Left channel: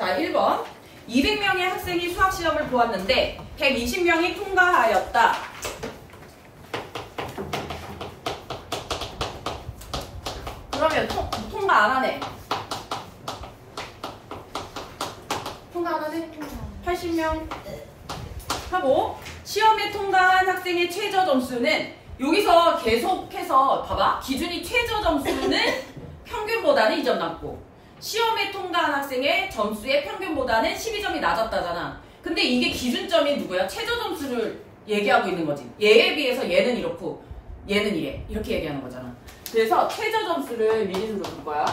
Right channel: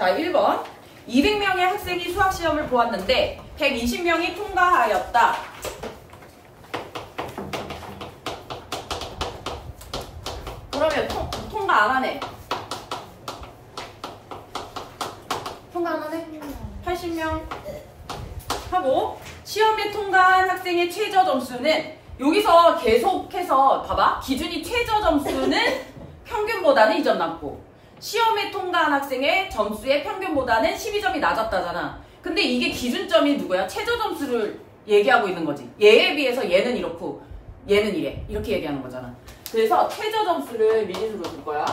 자, 1번. 200명의 학생이 수학시험을 보았는데 120명이 통과하였다. 그러면 통과 안 하네. 통과 안 하네? 80명 하고 시험에 통과한 학생의 최저 점수는 여기서 계속해서 봐봐. 기준이 최저 점수는 평균보다는 2점 낮고 시험에 통과한 학생의 점수의 평균보다는 12점이 낮았다잖아. 근데 이게 기준점이 누구야? 최저 점수를 얘기하고 있는 거지. 얘에 비해서 얘는 이렇고 얘는 이래. 이렇게 얘기하는 거잖아. 그래서 최저 점수를 미리수로 줄 거야.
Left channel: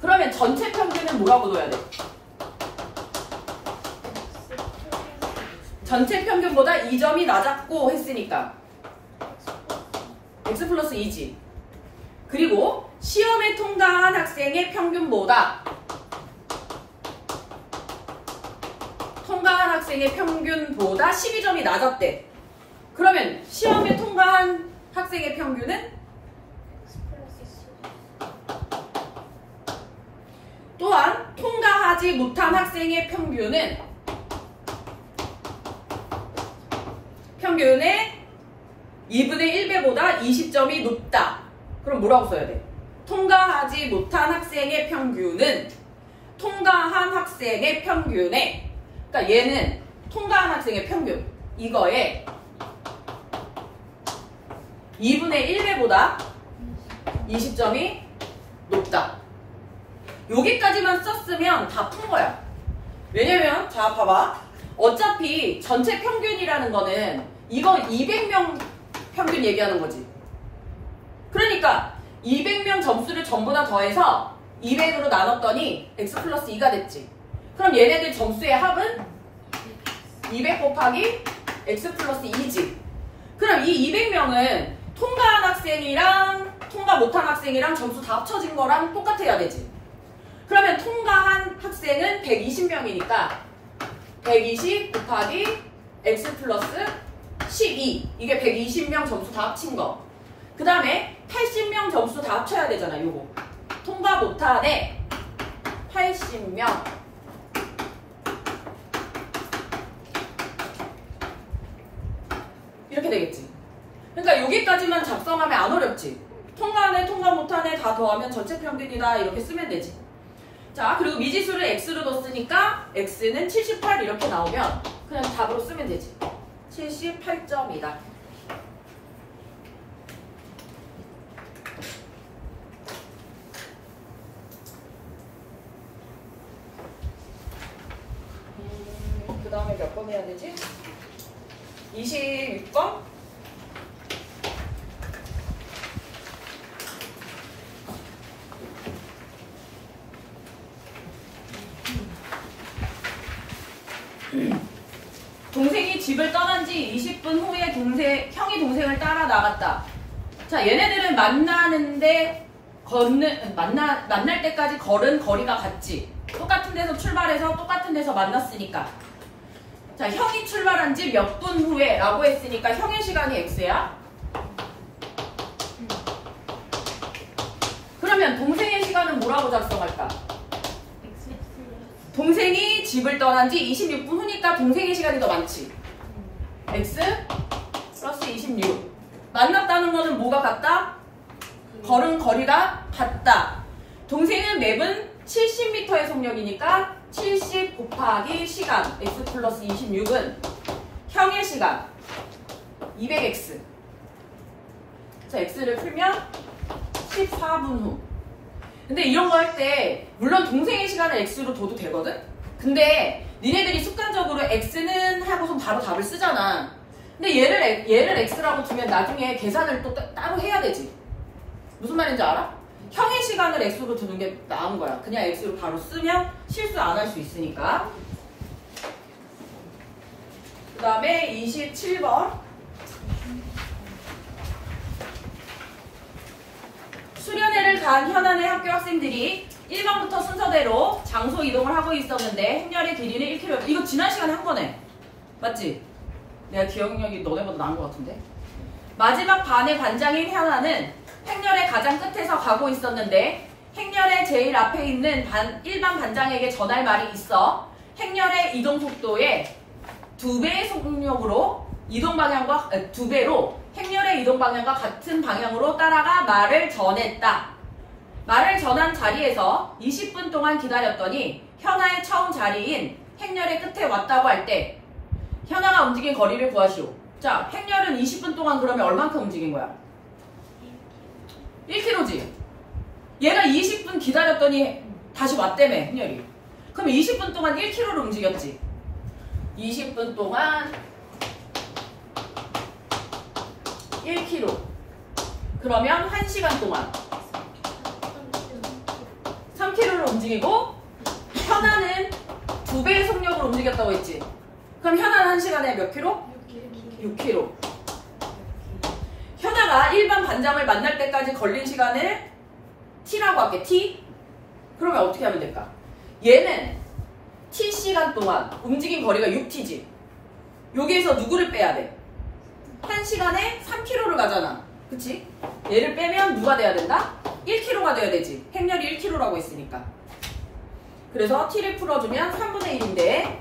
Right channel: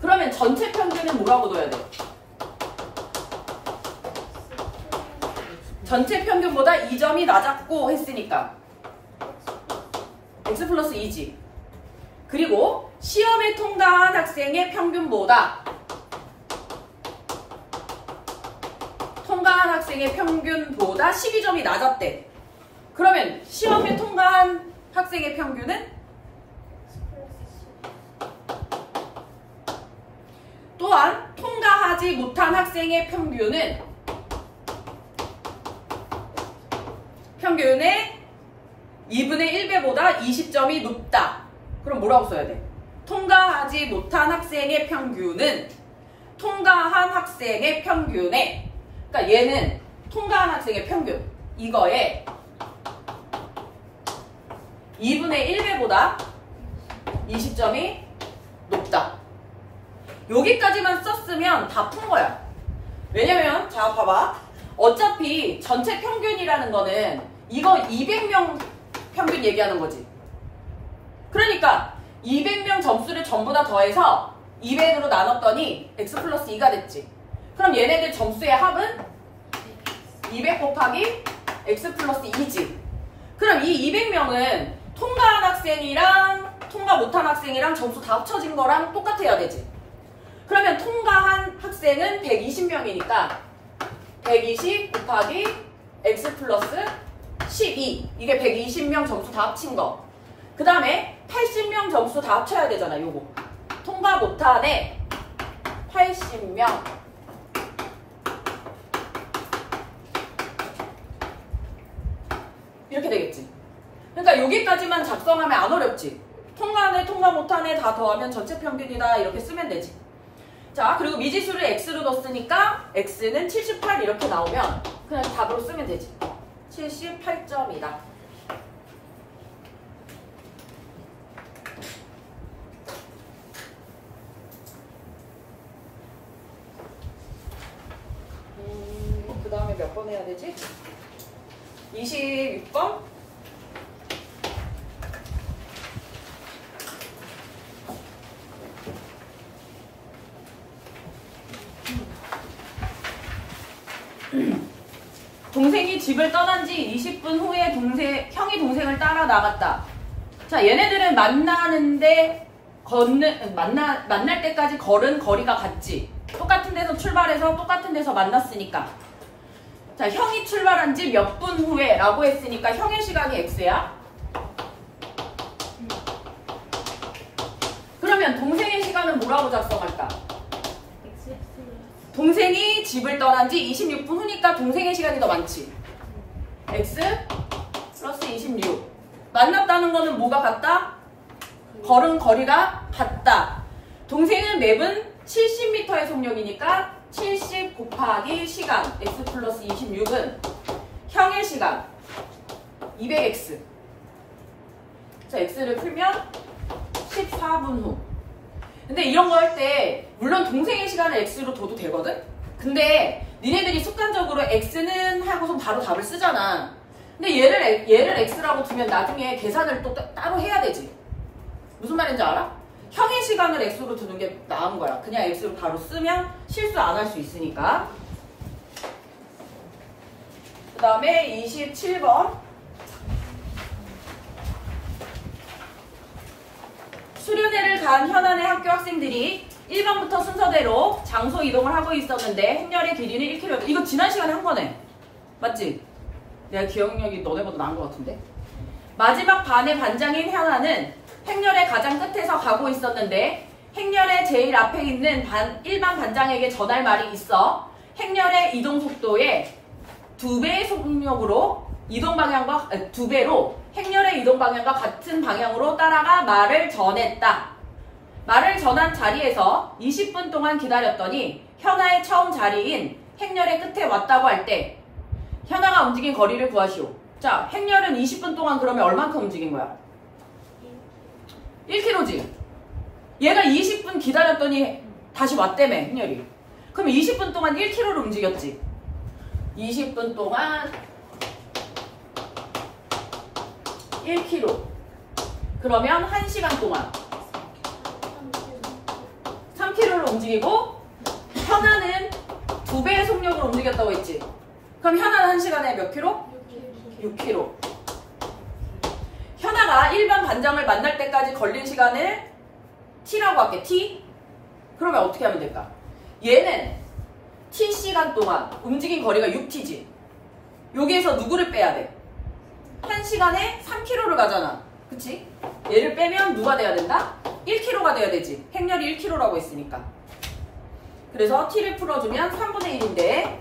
그러면 전체 평균은 뭐라고 둬야 돼? 전체 평균보다 2점이 낮았고 했으니까 x 플러스 2지. 그리고 시험에 통과한 학생의 평균보다 통과한 학생의 평균보다 12점이 낮았대. 그러면 시험에 통과한 학생의 평균은 또한 통과하지 못한 학생의 평균의 2분의 1배보다 20점이 높다. 그럼 뭐라고 써야 돼? 통과하지 못한 학생의 평균은 통과한 학생의 평균에, 그러니까 얘는 통과한 학생의 평균, 이거에 2분의 1배보다 20점이 높다. 여기까지만 썼으면 다 푼 거야. 왜냐면 자 봐봐. 어차피 전체 평균이라는 거는 이거 200명 평균 얘기하는 거지. 그러니까 200명 점수를 전부 다 더해서 200으로 나눴더니 x 플러스 2가 됐지. 그럼 얘네들 점수의 합은 200 곱하기 x 플러스 2지. 그럼 이 200명은 통과한 학생이랑 통과 못한 학생이랑 점수 다 합쳐진 거랑 똑같아야 되지. 그러면 통과한 학생은 120명이니까 120 곱하기 x 플러스 12. 이게 120명 점수 다 합친 거. 그 다음에 80명 점수 다 합쳐야 되잖아. 요거. 통과 못한에 80명. 이렇게 되겠지. 그러니까 여기까지만 작성하면 안 어렵지. 통과하네, 통과 못하네 다 더하면 전체 평균이다. 이렇게 쓰면 되지. 자, 그리고 미지수를 x로 넣었으니까 x는 78 이렇게 나오면 그냥 답으로 쓰면 되지. 78점이다. 그 다음에 몇 번 해야 되지? 26번? 동생이 집을 떠난 지 20분 후에 형이 동생을 따라 나갔다. 자, 얘네들은 만나는데 만날 때까지 걸은 거리가 같지. 똑같은 데서 출발해서 똑같은 데서 만났으니까. 자, 형이 출발한 지 몇 분 후에 라고 했으니까 형의 시간이 x야. 그러면 동생의 시간은 뭐라고 작성할까? 동생이 집을 떠난 지 26분 후니까 동생의 시간이 더 많지. x 플러스 26. 만났다는 거는 뭐가 같다? 걸은 거리가 같다. 동생은 맵은 70m의 속력이니까 70 곱하기 시간 x 플러스 26은 형의 시간 200x. 자, x를 풀면 14분 후. 근데 이런 거 할 때 물론 동생의 시간을 x로 둬도 되거든? 근데 니네들이 습관적으로 x는 하고서 바로 답을 쓰잖아. 근데 얘를 x라고 두면 나중에 계산을 또 따로 해야 되지. 무슨 말인지 알아? 형의 시간을 x로 두는 게 나은 거야. 그냥 x로 바로 쓰면 실수 안 할 수 있으니까. 그 다음에 27번. 수련회를 간 현안의 학교 학생들이 1번부터 순서대로 장소 이동을 하고 있었는데 행렬의 길이는 1km. 이거 지난 시간에 한 거네. 맞지? 내가 기억력이 너네보다 나은 것 같은데. 마지막 반의 반장인 현아는 행렬의 가장 끝에서 가고 있었는데 행렬의 제일 앞에 있는 일반 반장에게 전할 말이 있어. 행렬의 이동 속도의 2배의 속력으로 이동 방향과 2배로 행렬의 이동 방향과 같은 방향으로 따라가 말을 전했다. 말을 전한 자리에서 20분 동안 기다렸더니 현아의 처음 자리인 행렬의 끝에 왔다고 할 때 현아가 움직인 거리를 구하시오. 자, 행렬은 20분 동안 그러면 얼만큼 움직인 거야? 1km지. 얘가 20분 기다렸더니 다시 왔다며, 행렬이. 그럼 20분 동안 1km를 움직였지. 20분 동안 1km. 그러면 1시간 동안 3km를 움직이고 현아는 2배의 속력으로 움직였다고 했지. 그럼 현아는 1시간에 몇 킬로? 6km. 현아가 일반 반장을 만날 때까지 걸린 시간을 T라고 할게. T? 그러면 어떻게 하면 될까? 얘는 T시간 동안 움직인 거리가 6T지. 여기에서 누구를 빼야 돼? 1시간에 3km를 가잖아. 그치? 얘를 빼면 누가 돼야 된다? 1km가 돼야 되지. 행렬이 1km라고 했으니까. 그래서 T를 풀어주면 3분의 1인데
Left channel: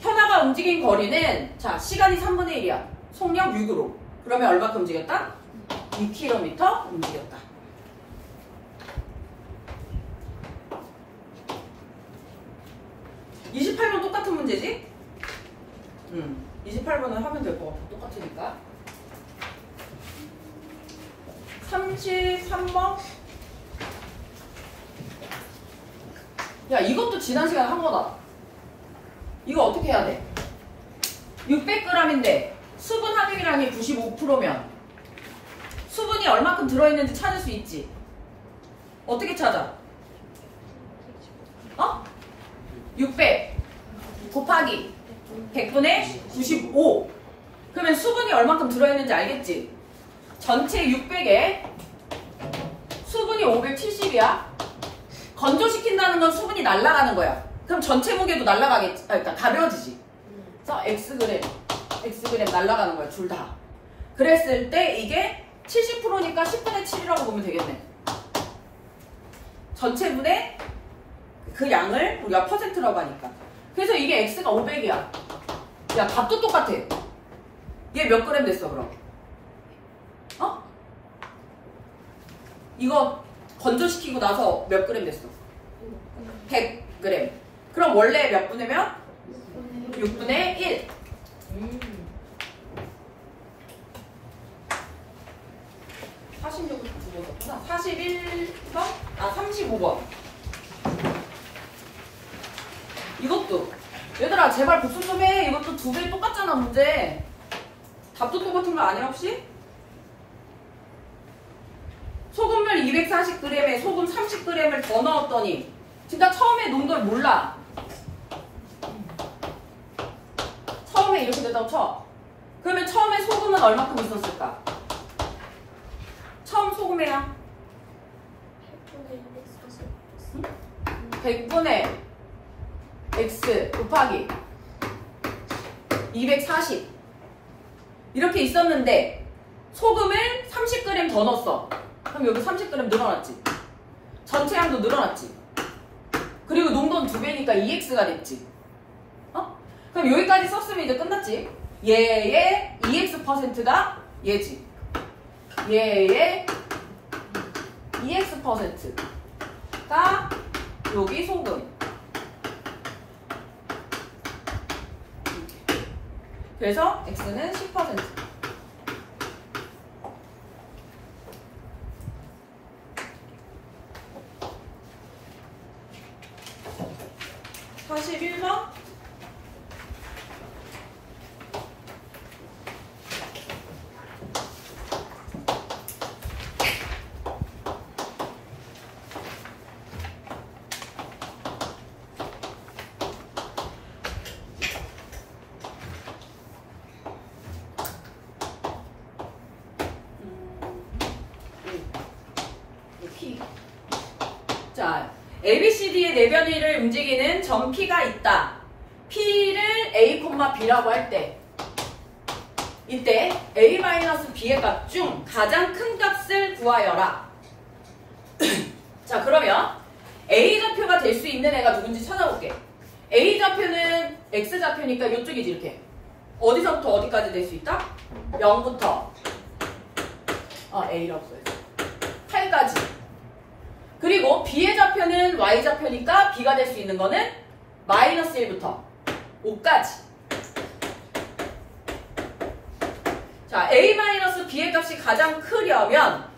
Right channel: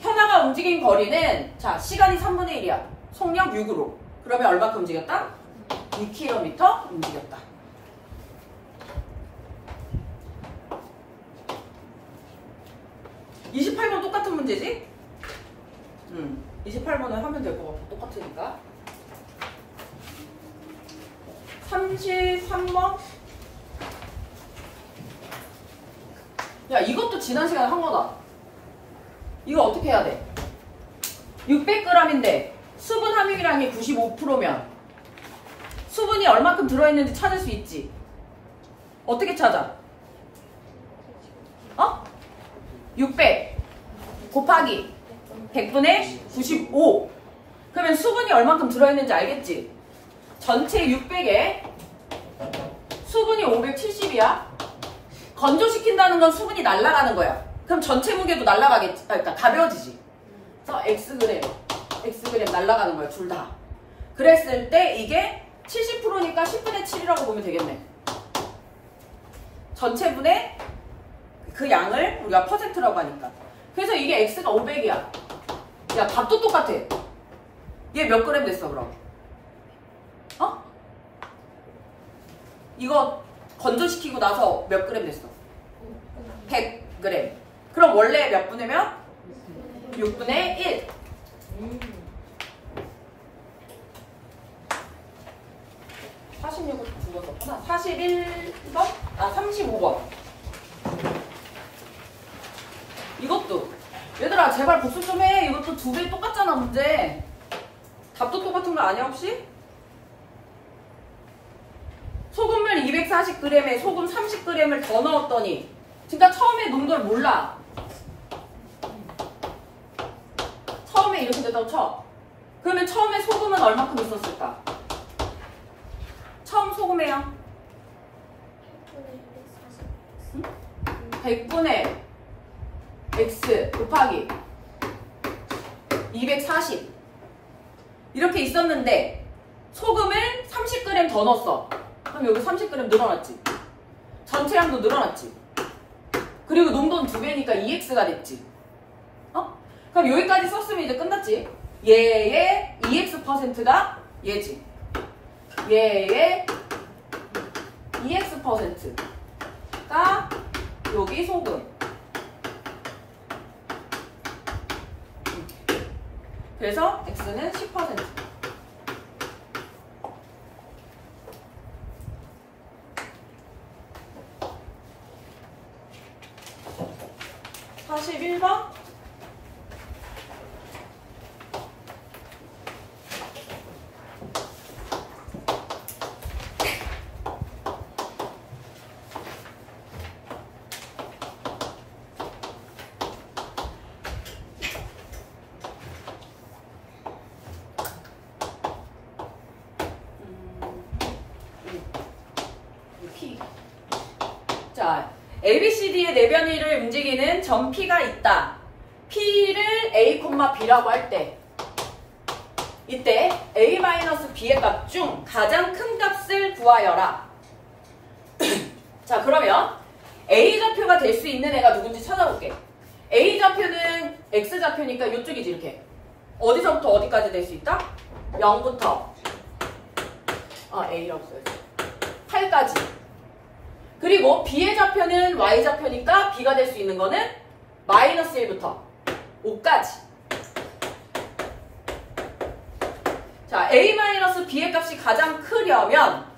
현아가 움직인 거리는 자 시간이 3분의 1이야. 속력 6으로. 그러면 얼마큼 움직였다? 2km 움직였다. (28번) 똑같은 문제지? 28번은 하면 될 것 같아. 똑같으니까. 33번. 야, 이것도 지난 시간에 한 거다. 이거 어떻게 해야 돼? 600g인데 수분 함유량이 95%면 수분이 얼마큼 들어있는지 찾을 수 있지. 어떻게 찾아? 600 곱하기 100분의 95. 그러면 수분이 얼마큼 들어있는지 알겠지? 전체 600에 수분이 570이야. 건조시킨다는 건 수분이 날아가는 거야. 그럼 전체 무게도 날아가겠지. 그러니까 가벼워지지. 그래서 Xg 날아가는 거야. 둘 다. 그랬을 때 이게 70%니까 10분의 7이라고 보면 되겠네. 전체분의 그 양을 우리가 퍼센트라고 하니까. 그래서 이게 X가 500이야. 야, 밥도 똑같아. 얘 몇 그램 됐어, 그럼? 이거 건조시키고 나서 몇 그램 됐어? 100g. 그럼 원래 몇 분이면? 6분의 1. 46을 줄여줬구나. 41번? 35번. 이것도. 얘들아, 제발 복습 좀 해. 이것도 2배 똑같잖아, 문제. 답도 똑같은 거 아니야, 혹시? 소금물 240g에 소금 30g을 더 넣었더니 그러니까 처음에 농도를 몰라. 처음에 이렇게 됐다고 쳐. 그러면 처음에 소금은 얼마큼 있었을까? 처음 소금이랑 100분의 X 곱하기 240 이렇게 있었는데 소금을 30g 더 넣었어. 그럼 여기 30g 늘어났지. 전체 양도 늘어났지. 그리고 농도는 2배니까 2x가 됐지. 그럼 여기까지 썼으면 이제 끝났지. 얘의 2x%가 얘지. 얘의 2x%가 여기 소금. 그래서 x는 10%. 41번. P. 자, ABCD의 내변위를 움직이는 점 P가 있다. P를 A, B라고 할 때 이때 A-B의 값 중 가장 큰 값을 구하여라. 자, 그러면 A좌표가 될 수 있는 애가 누군지 찾아볼게. A좌표는 X좌표니까 이쪽이지, 이렇게. 어디서부터 어디까지 될 수 있다? 0부터 A라고 써야지. 8까지. 그리고 B의 좌표는 Y좌표니까 B가 될 수 있는 거는 마이너스 1부터 5까지. 자, A-B의 값이 가장 크려면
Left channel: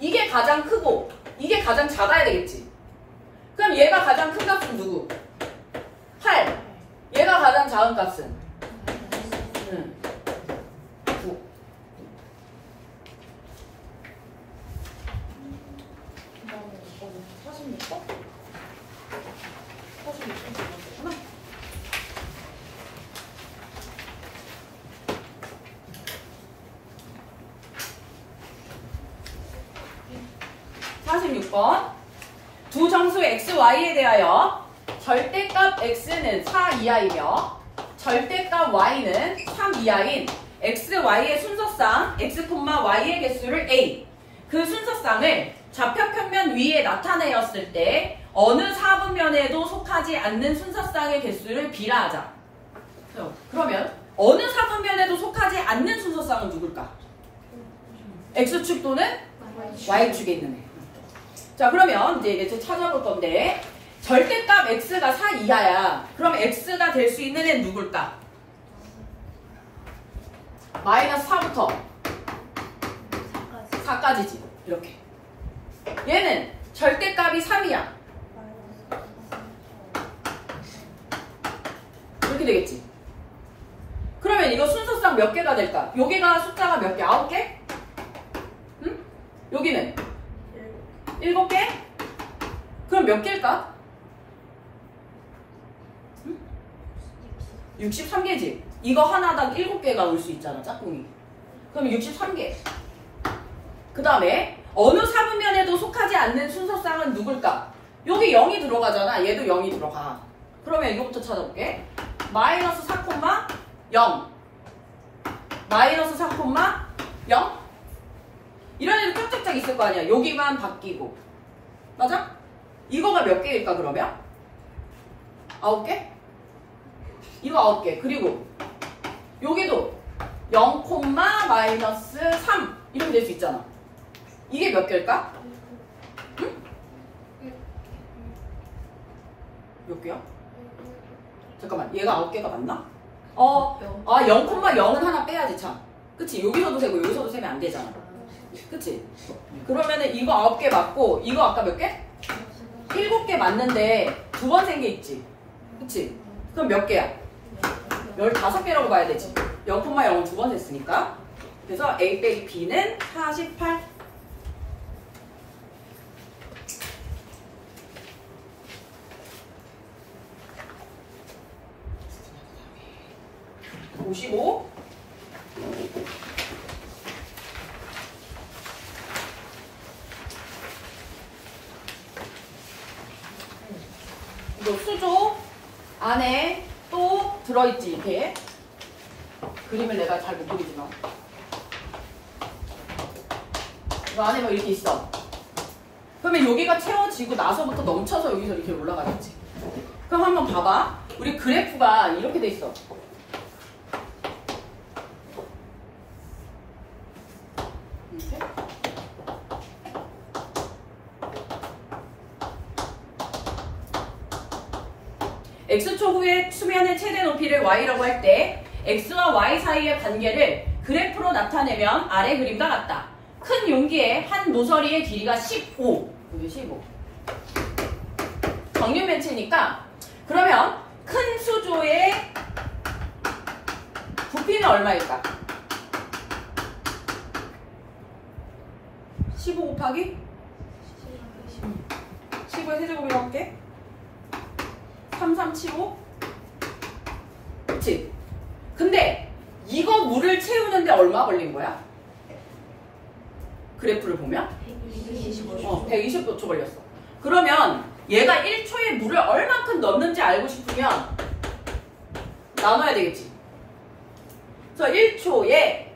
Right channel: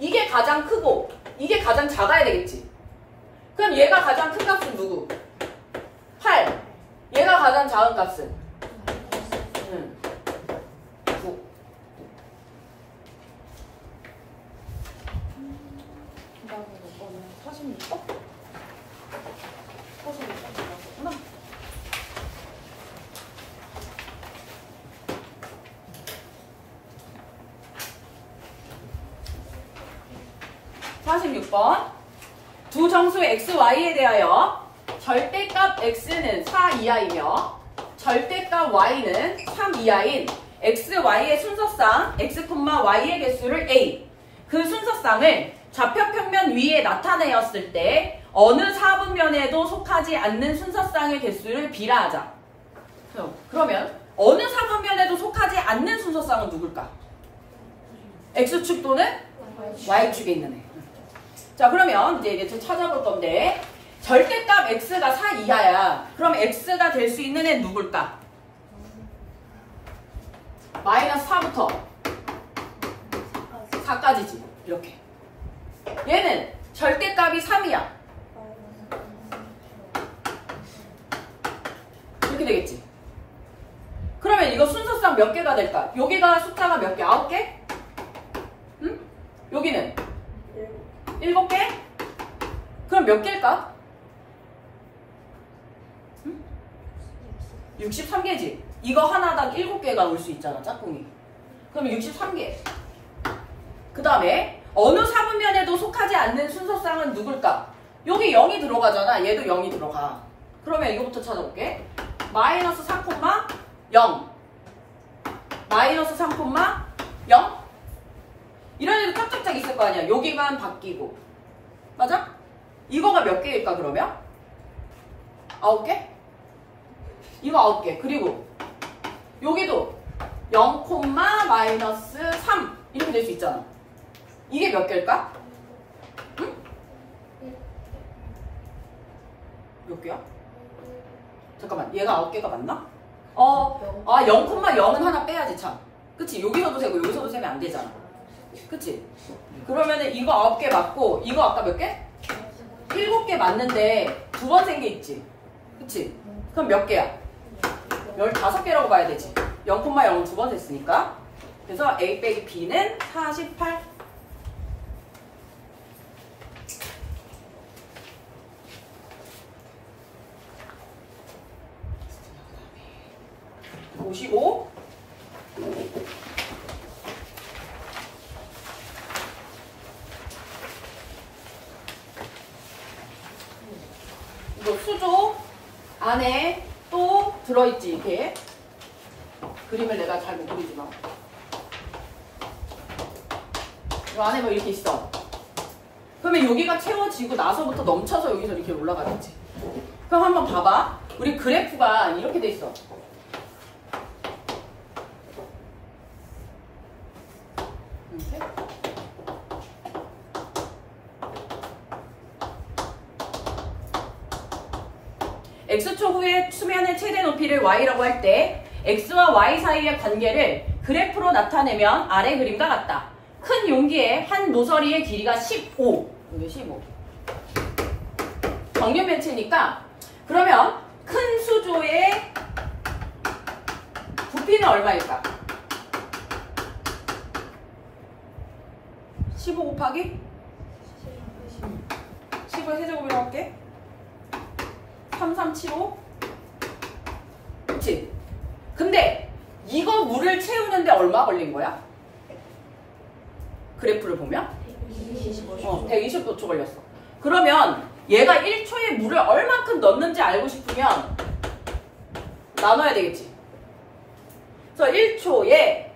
이게 가장 크고 이게 가장 작아야 되겠지. 그럼 얘가 가장 큰 값은 누구? 8. 얘가 가장 작은 값은? 9. (46번) 두 정수 x, y에 대하여 절대값 x는 4 이하이며 절대값 y는 3 이하인 x, y의 순서상 x, y의 개수를 a, 그 순서상을 좌표평면 위에 나타내었을 때 어느 사분면에도 속하지 않는 순서상의 개수를 b라 하자. 그러면 어느 사분면에도 속하지 않는 순서상은 누굴까? x축 또는 y축에 있는 애. 자, 그러면 이제 찾아볼 건데 절대값 x가 4 이하야. 그럼 x가 될 수 있는 애는 누굴까? 마이너스 4부터 4까지지. 이렇게. 얘는 절대값이 3이야. 이렇게 되겠지. 그러면 이거 순서상 몇 개가 될까? 여기가 숫자가 몇 개? 9개? 응? 여기는? 7개? 그럼 몇 개일까? 63개지. 이거 하나당 7개가 올 수 있잖아, 짝꿍이. 그럼 63개. 그 다음에 어느 사분면에도 속하지 않는 순서상은 누굴까? 여기 0이 들어가잖아. 얘도 0이 들어가. 그러면 이거부터 찾아볼게. 마이너스 4,0 마이너스 3,0 이런 애도 짝짝짝 있을 거 아니야. 여기만 바뀌고. 맞아? 이거가 몇 개일까 그러면? 9개? 이거 9개. 그리고 여기도 0, 마이너스 3 이렇게 될 수 있잖아. 이게 몇 개일까? 응? 몇 개야? 잠깐만, 얘가 9개가 맞나? 0,0은 하나 빼야지 참. 그치? 여기서도 세고 여기서도 세면 안 되잖아. 그치? 그러면은 이거 9개 맞고 이거 아까 몇 개? 7개 맞는데 두 번 센 게 있지. 그치? 그럼 몇 개야? 15개라고 봐야 되지. 0,0은 두 번 셌으니까. 그래서 A 빼기 B는 48. 보시고 이거 수조 안에 또 들어있지. 이렇게 그림을 내가 잘 못 그리지만 이 안에 뭐 이렇게 있어. 그러면 여기가 채워지고 나서부터 넘쳐서 여기서 이렇게 올라가겠지. 그럼 한번 봐봐. 우리 그래프가 이렇게 돼 있어. 이렇게. x초 후의 수면의 최대 높이를 y라고 할 때 x와 y 사이의 관계를 그래프로 나타내면 아래 그림과 같다. 큰 용기의 한 모서리의 길이가 15. 여기 15. 정렬 매치니까 그러면 큰 수조의 부피는 얼마일까? 15 곱하기 15의 세제곱이라고 할게. 3375. 그치? 근데 이거 물을 채우는데 얼마 걸린 거야? 그래프를 보면 120초 걸렸어. 그러면 얘가 1초에 물을 얼마큼 넣는지 알고 싶으면 나눠야 되겠지. 그래서 1초에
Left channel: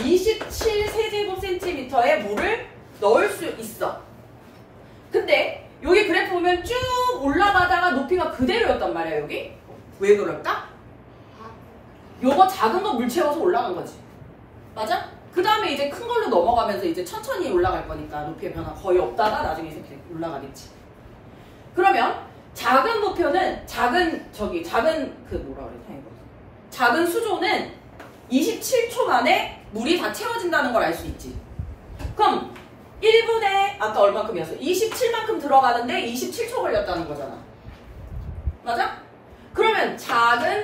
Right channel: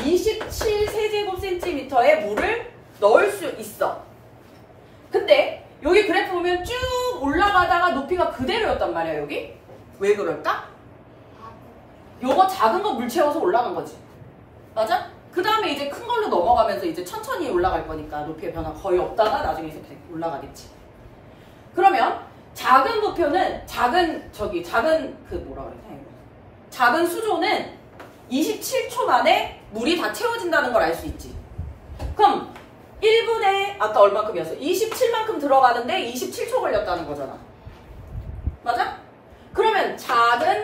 27 세제곱센티미터의 물을 넣을 수 있어. 근데 여기 그래프 보면 쭉 올라가다가 높이가 그대로였단 말이야, 여기. 왜 그럴까? 요거 작은 거 물 채워서 올라간 거지. 맞아? 그 다음에 이제 큰 걸로 넘어가면서 이제 천천히 올라갈 거니까 높이의 변화 거의 없다가 나중에 이제 올라가겠지. 그러면 작은 부표는 작은 수조는 27초 만에 물이 다 채워진다는 걸 알 수 있지. 그럼 1분에 아까 얼마큼이었어? 27만큼 들어가는데 27초 걸렸다는 거잖아. 맞아? 그러면 작은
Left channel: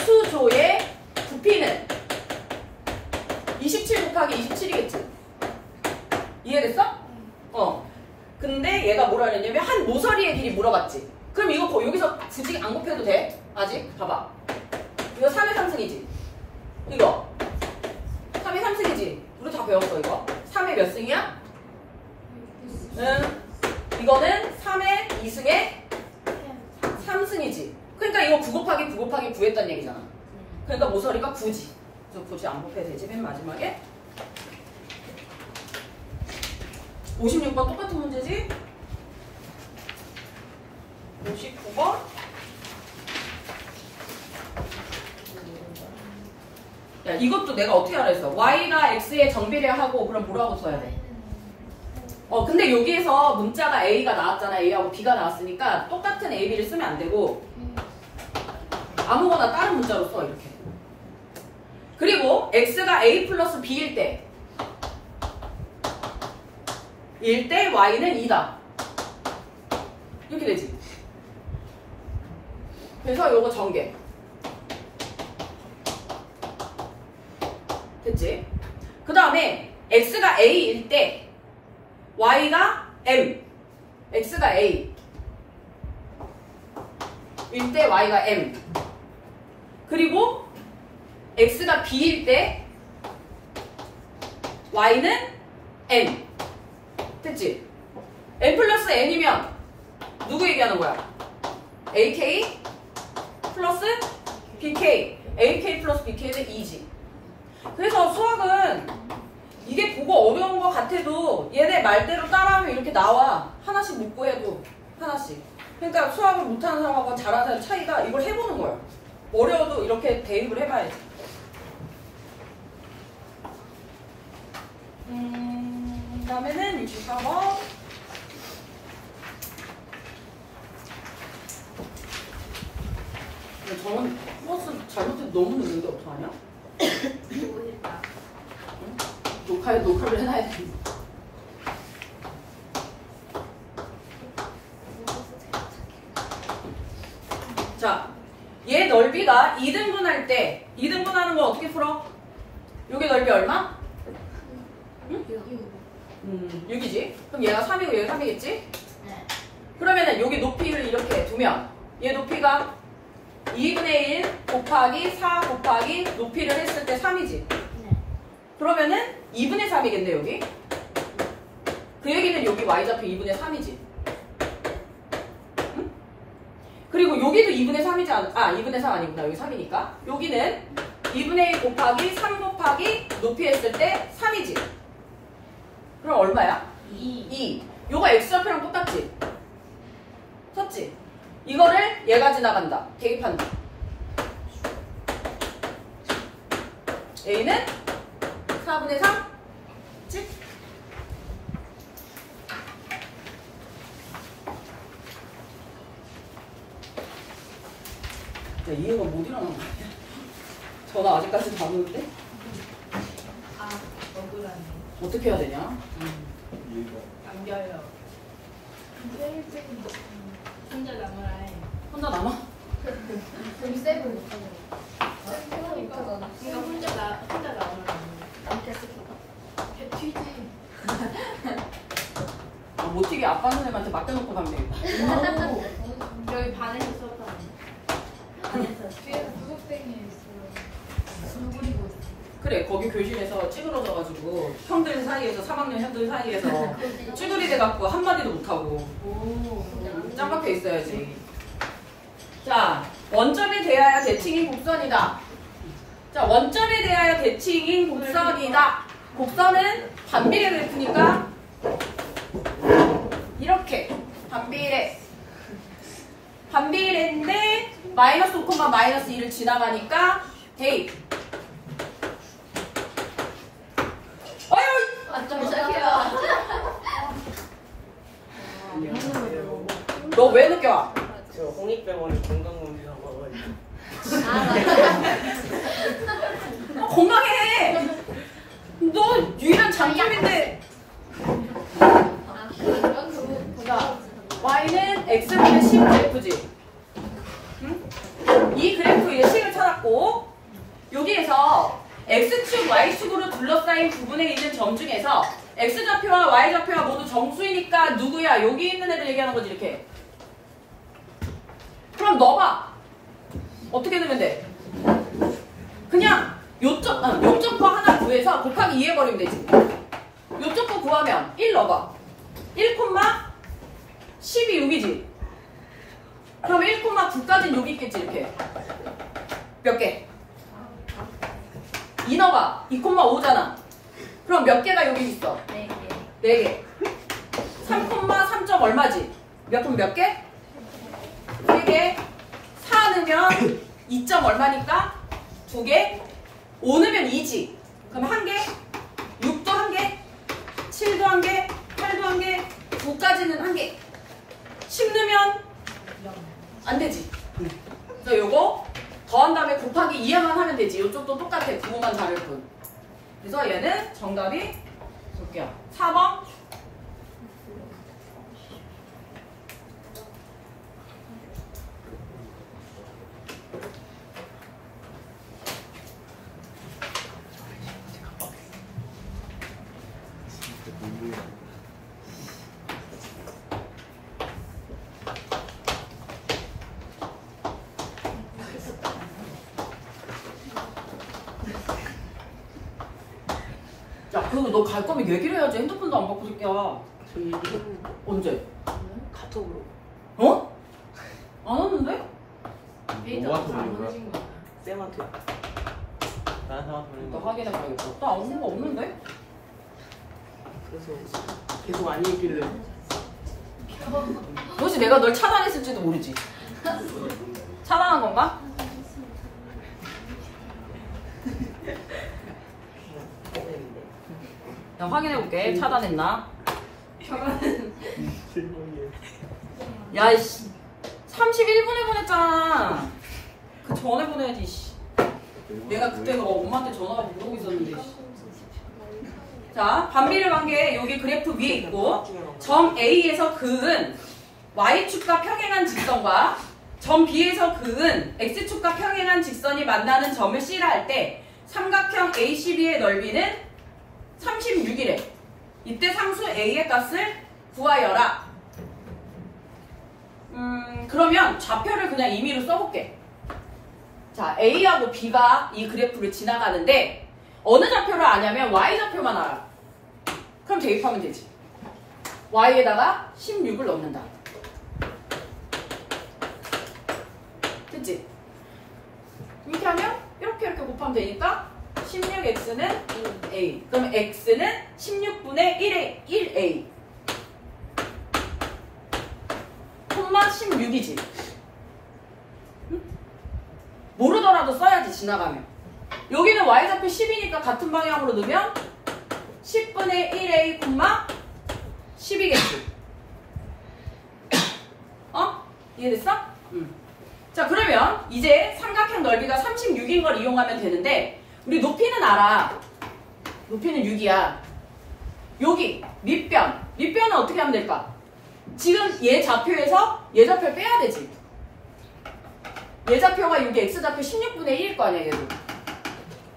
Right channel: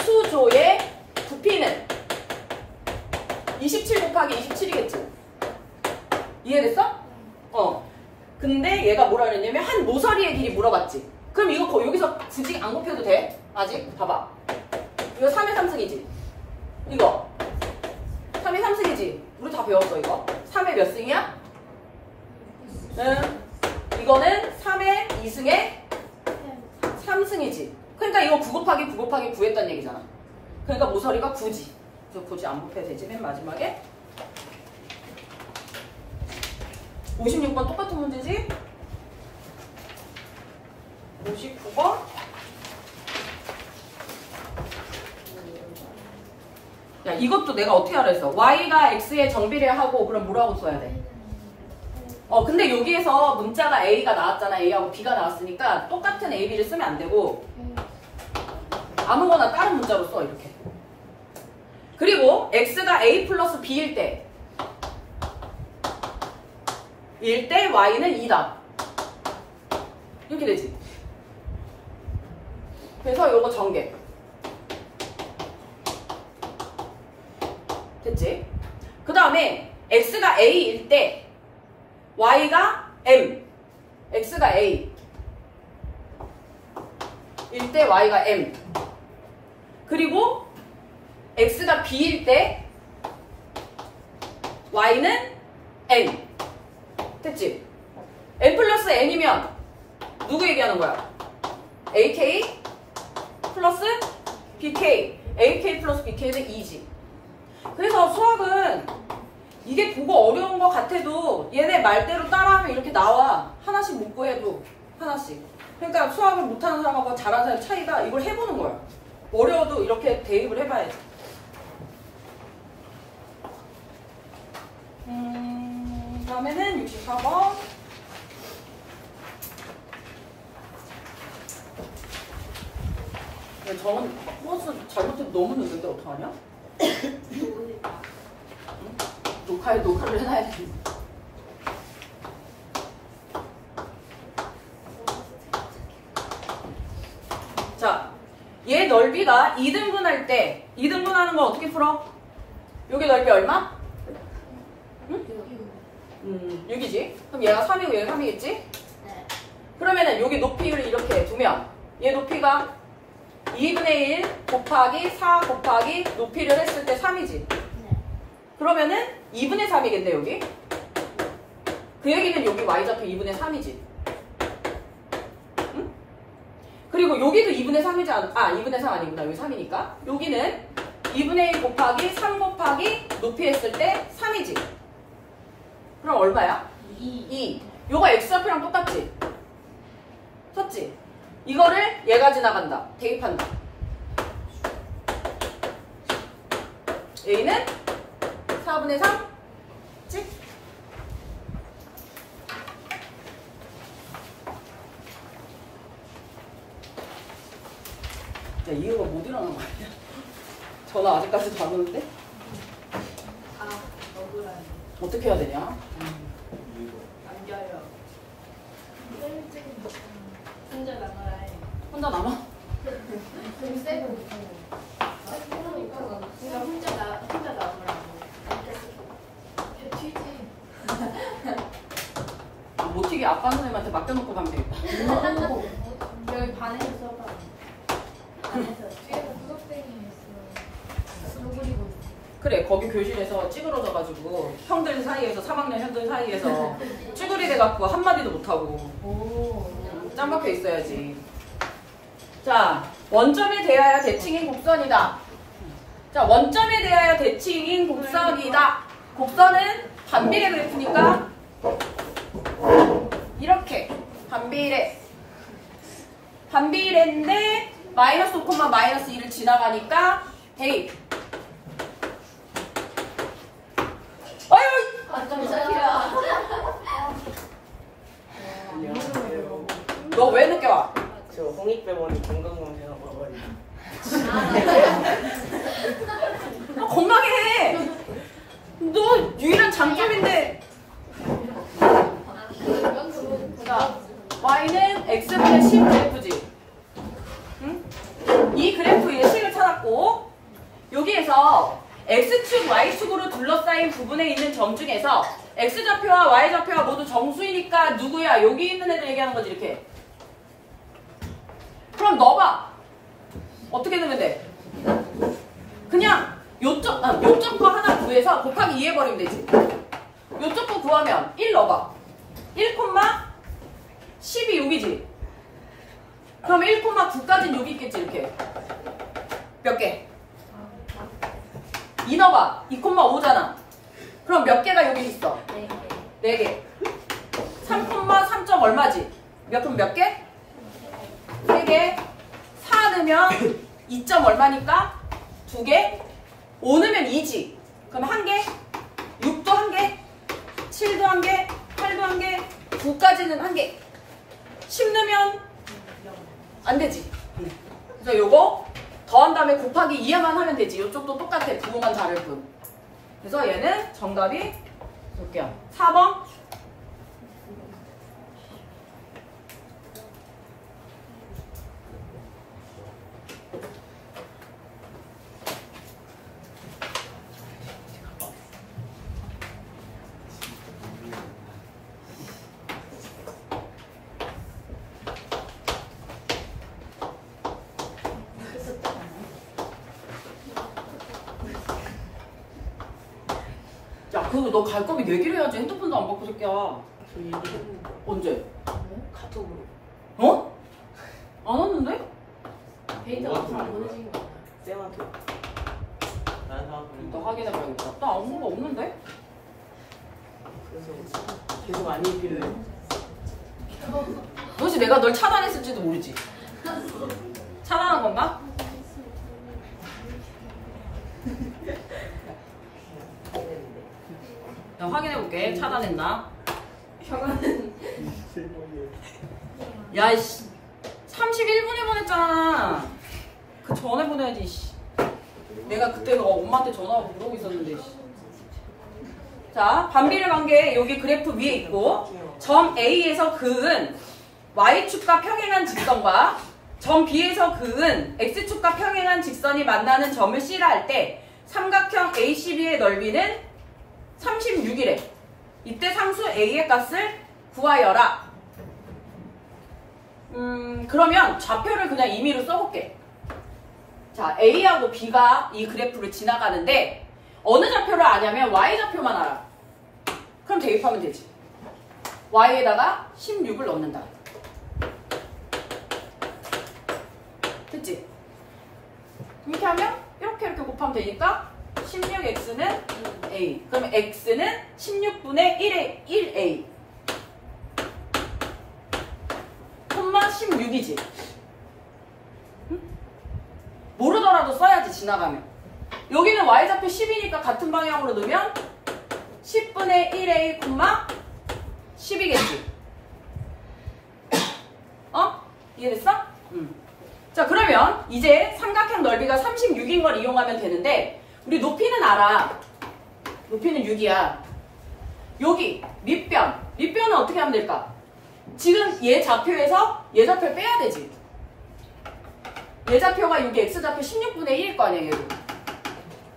수조의 부피는 27 곱하기 27이겠지? 이해됐어? 근데 얘가 뭐라 그랬냐면 한 모서리의 길이 물어봤지. 그럼 이거 여기서 굳이 안 곱해도 돼? 아직? 봐봐. 이거 3의 3승이지? 이거 3의 3승이지? 우리 다 배웠어 이거. 3의 몇 승이야? 이거는 3의 2승의 3승이지. 그러니까 이거 9 곱하기 9 곱하기 9 했단 얘기잖아. 그러니까 모서리가 9지. 그래서 굳이 안 곱해도 되지. 맨 마지막에 56번 똑같은 문제지? 59번 야 이것도 내가 어떻게 하라 했어? y가 x에 정비례하고 그럼 뭐라고 써야 돼? 근데 여기에서 문자가 a가 나왔잖아. a하고 b가 나왔으니까 똑같은 a, b를 쓰면 안 되고 아무거나 다른 문자로 써 이렇게. 그리고 x가 a 플러스 b일 때 y는 2다. 이렇게 되지. 그래서 요거 전개. 됐지? 그 다음에 x가 a일 때 y가 m. x가 a 일 때 y가 m. 그리고 x가 b일 때 y는 n. 됐지? n 플러스 n이면 누구 얘기하는 거야? ak 플러스 bk. ak 플러스 bk는 2지. 그래서 수학은 이게 보고 어려운 것 같아도 얘네 말대로 따라하면 이렇게 나와. 하나씩 묻고 해도 하나씩. 그러니까 수학을 못하는 사람하고 잘하는 사람 차이가 이걸 해보는 거야. 어려워도 이렇게 대입을 해봐야지. 다음에는 64번. 저는 버스 잘못해서 너무 늦는데 어떡하냐? 녹화를 해놔야 돼. 자, 얘 넓이가 2등분할 때 2등분하는 거 어떻게 풀어? 여기 넓이 얼마? 응? 6이지? 그럼 얘가 3이고 얘가 3이겠지? 네. 그러면은 여기 높이를 이렇게 두면 얘 높이가 2분의 1 곱하기 4 곱하기 높이를 했을 때 3이지? 네. 그러면은 2분의 3이겠네 여기? 그 얘기는 여기 y좌표 2분의 3이지? 응? 그리고 여기도 2분의 3이지 않아? 2분의 3 아니구나. 여기 3이니까 여기는 2분의 1 곱하기 3 곱하기 높이 했을 때 3이지? 그럼 얼마야? 2. 요거 x좌표랑 똑같지? 썼지? 이거를 얘가 지나간다. 대입한다. a는 4분의 3? 그치? 야, 이유가 못 일어나는 거 아니야? 전화 아직까지도 안 오는데? 억울하네. 어떻게 해야 되냐? 안겨요. 혼자 남아라 해. 혼자 남아? 좀 세고 있고. 그러니까 혼자 남으라고. 튀지. 못 튀게 아빠 선생님한테 맡겨놓고 가면 되겠다. 여기 반에서 수업하는. 반에서 뒤에 구석탱이 있어. 누구리고 있어. 그래, 거기 교실에서 찌그러져가지고 형들 사이에서 3학년 형들 사이에서 찌그리 돼갖고 한마디도 못하고 짱 박혀 있어야지. 자, 원점에 대하여 대칭인 곡선이다. 자, 원점에 대하여 대칭인 곡선이다. 곡선은 반비례 그래프니까 반비례. 반비례인데 마이너스 5, 마이너스 2를 지나가니까 대입. 어휴! 깜짝이야. 너 왜 늦게 와? 저 홍익병원 건강검진하고 와가지고. 건강해 해. 너 유일한 장점인데. 자, y는 x분의 10 그래프지. 응? 이 그래프의 식을 찾았고 여기에서 x축, y축으로 둘러싸인 부분에 있는 점 중에서 x좌표와 y좌표가 모두 정수이니까 누구야? 여기 있는 애들 얘기하는 거지 이렇게. 그럼 넣어봐. 어떻게 넣으면 돼? 그냥 요쪽 거 하나 구해서 곱하기 2 해버리면 되지. 요쪽 거 구하면 1 넣어봐. 1, 10이 여기지. 그럼 1, 9까지는 여기 있겠지 이렇게. 몇 개? 2 넣어봐. 2, 5잖아. 그럼 몇 개가 여기 있어? 4개. 3, 3점 얼마지? 그럼 몇 개? 3개. 4 넣으면 2점 얼마니까? 2개. 5 넣으면 2지. 그럼 1개. 6도 1개. 7도 1개. 8도 1개. 9까지는 1개. 10 넣으면 안 되지. 그래서 요거 더한 다음에 곱하기 2만 하면 되지. 요쪽도 똑같아. 부호만 다를 뿐. 그래서 얘는 정답이 볼게요. 4번. 야, 그리고 너 갈 거면 얘기를 해야지. 핸드폰도 안 받고 새끼야. 언제? 카톡으로. 어? 안 왔는데? 데이터가 잘 안 보내신 거 같아. 쌤한테. 나 확인해봐야겠다. 나 아무 거 없는데? 그래서 계속 안 얘기를 해. 혹시 내가 널 차단했을지도 모르지. 차단한 건가? 나 확인해볼게. 차단했나? 야, 이씨. 31분에 보냈잖아. 그 전에 보내야지, 씨. 내가 그때 엄마한테 전화하고 그러고 있었는데, 씨. 자, 반비례 관계 여기 그래프 위에 있고, 점 A에서 그은 Y축과 평행한 직선과 점 B에서 그은 X축과 평행한 직선이 만나는 점을 C라 할 때 삼각형 ACB의 넓이는 36이래. 이때 상수 A의 값을 구하여라. 그러면 좌표를 그냥 임의로 써볼게. 자, A하고 B가 이 그래프를 지나가는데 어느 좌표를 아냐면 Y좌표만 알아. 그럼 대입하면 되지. Y에다가 16을 넣는다. 됐지? 이렇게 하면 이렇게 곱하면 되니까 16x는 a. 그럼 x는 16분의 1a. 콤마 16이지. 응? 모르더라도 써야지 지나가면. 여기는 y좌표 10이니까 같은 방향으로 넣으면 10분의 1a 콤마 10이겠지. 어? 이해됐어? 응. 자, 그러면 이제 삼각형 넓이가 36인 걸 이용하면 되는데 우리 높이는 알아. 높이는 6이야. 여기 밑변. 밑변은 어떻게 하면 될까? 지금 얘 좌표에서 얘 좌표를 빼야 되지. 얘 좌표가 여기 x좌표 16분의 1일 거 아니야, 얘도.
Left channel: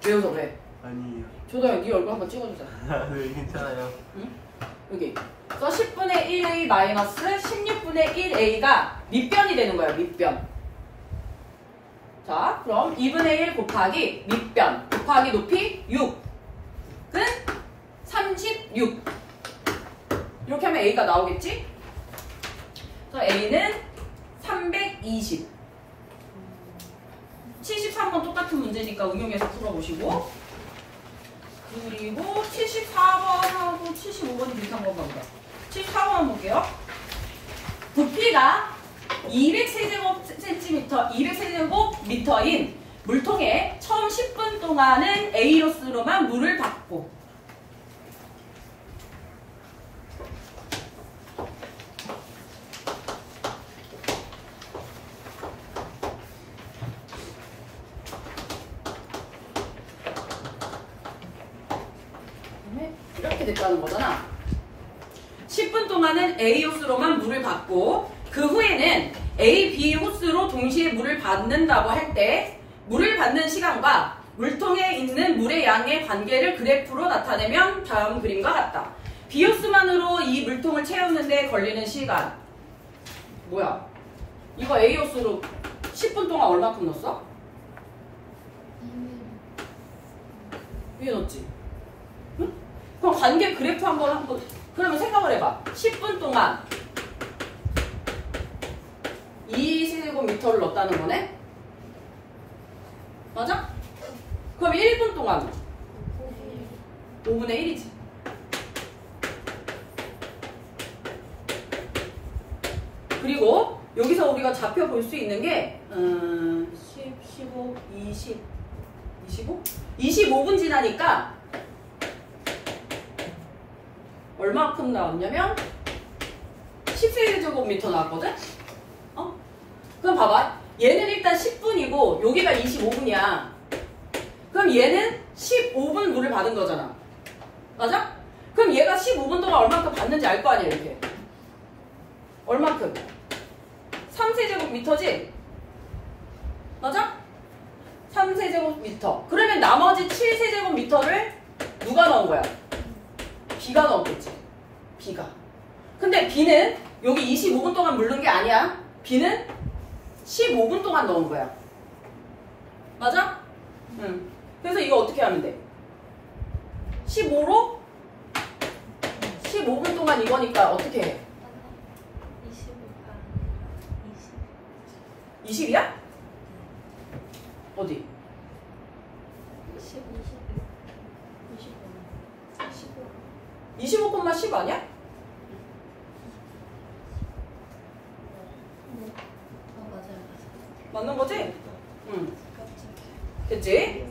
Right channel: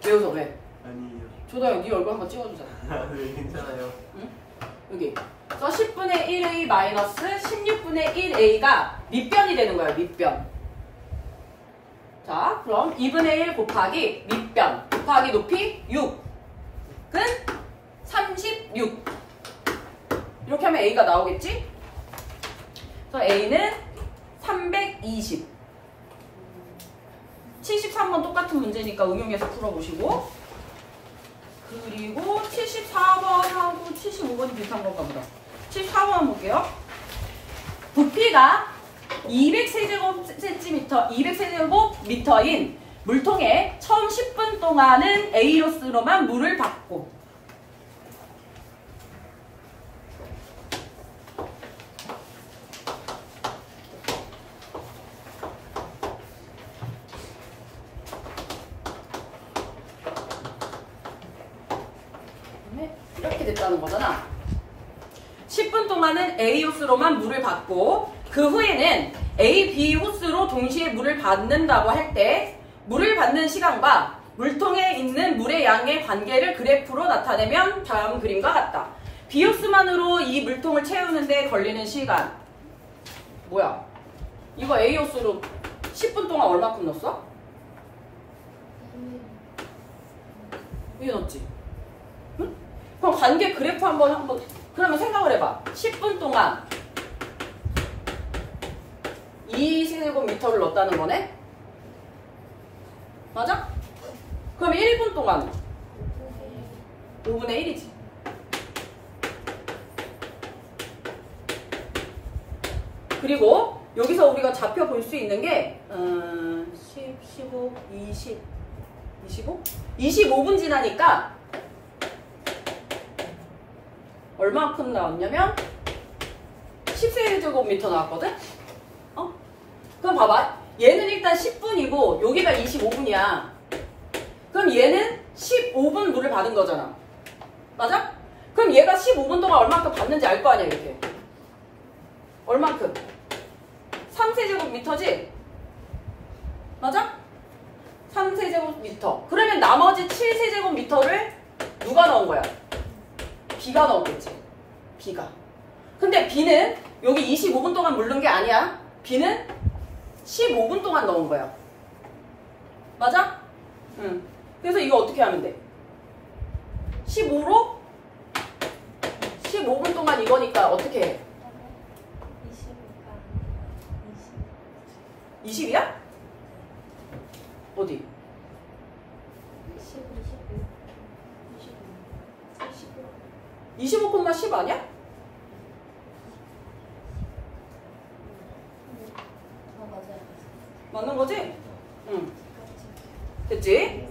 왜 웃어, 왜? 아니에요. 조다야, 네 얼굴 한번 찍어주자. 네, 괜찮아요. 응? 여기. 그래서 10분의 1a 마이너스 16분의 1a가 밑변이 되는 거야, 밑변. 자, 그럼 2분의 1 곱하기 밑변 곱하기 높이 6은 36. 이렇게 하면 a가 나오겠지? 그래서 a는 320. 73번 똑같은 문제니까 응용해서 풀어보시고, 그리고 74번하고 75번이 비슷한 건가 보다. 74번 한번 볼게요. 크기가 200세제곱미터인 물통에 처음 10분 동안은 A로스로만 물을 받고 이렇게 됐다는 거잖아. 10분 동안은 A 호스로만 물을 받고 그 후에는 A, B 호스로 동시에 물을 받는다고 할 때 물을 받는 시간과 물통에 있는 물의 양의 관계를 그래프로 나타내면 다음 그림과 같다. B 호스만으로 이 물통을 채우는데 걸리는 시간 뭐야? 이거 A 호스로 10분 동안 얼마큼 넣었어? 위에 넣었지? 응? 그럼 관계 그래프 한번 그러면 생각을 해봐. 10분 동안 2세제곱미터를 넣었다는 거네? 맞아? 그럼 1분 동안 5분의 1이지. 그리고 여기서 우리가 좌표 볼 수 있는 게 10, 15, 20, 25? 25분 지나니까 얼마큼 나왔냐면 10세제곱미터 나왔거든? 그럼 봐봐. 얘는 일단 10분이고 여기가 25분이야. 그럼 얘는 15분 물을 받은 거잖아. 맞아? 그럼 얘가 15분 동안 얼마큼 받는지 알 거 아니야, 이렇게. 얼마큼? 3세제곱미터지? 맞아? 3세제곱미터. 그러면 나머지 7세제곱미터를 누가 넣은 거야? B가 넣었겠지. B가. 근데 B는 여기 25분 동안 물른 게 아니야. B는 15분 동안 넣은 거야. 맞아? 응. 그래서 이거 어떻게 하면 돼? 15로 15분 동안 이거니까 어떻게 해? 20이야? 어디? 25,10 아니야? 맞는 거지? 응. 됐지?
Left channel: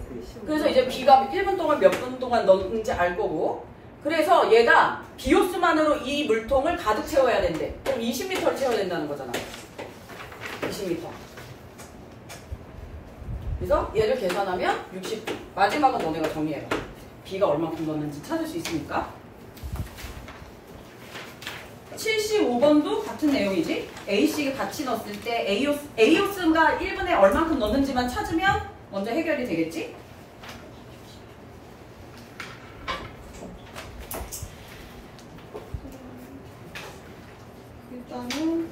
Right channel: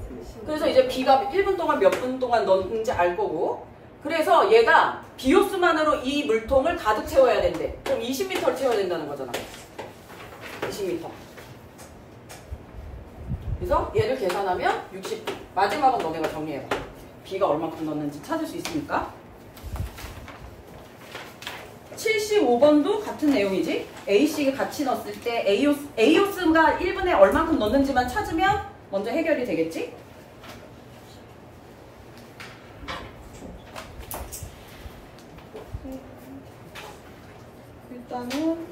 그래서 이제 B가 1분 동안 몇 분 동안 넣는지 알 거고. 그래서 얘가 비호수만으로 이 물통을 가득 채워야 된대. 그럼 20m를 채워야 된다는 거잖아. 20m. 그래서 얘를 계산하면 60분. 마지막은 너네가 정리해봐. B가 얼마큼 넣는지 찾을 수 있으니까. 75번도 같은 내용이지. A씨가 같이 넣었을 때 A호스가 1분에 얼마큼 넣는지만 찾으면 먼저 해결이 되겠지? 일단은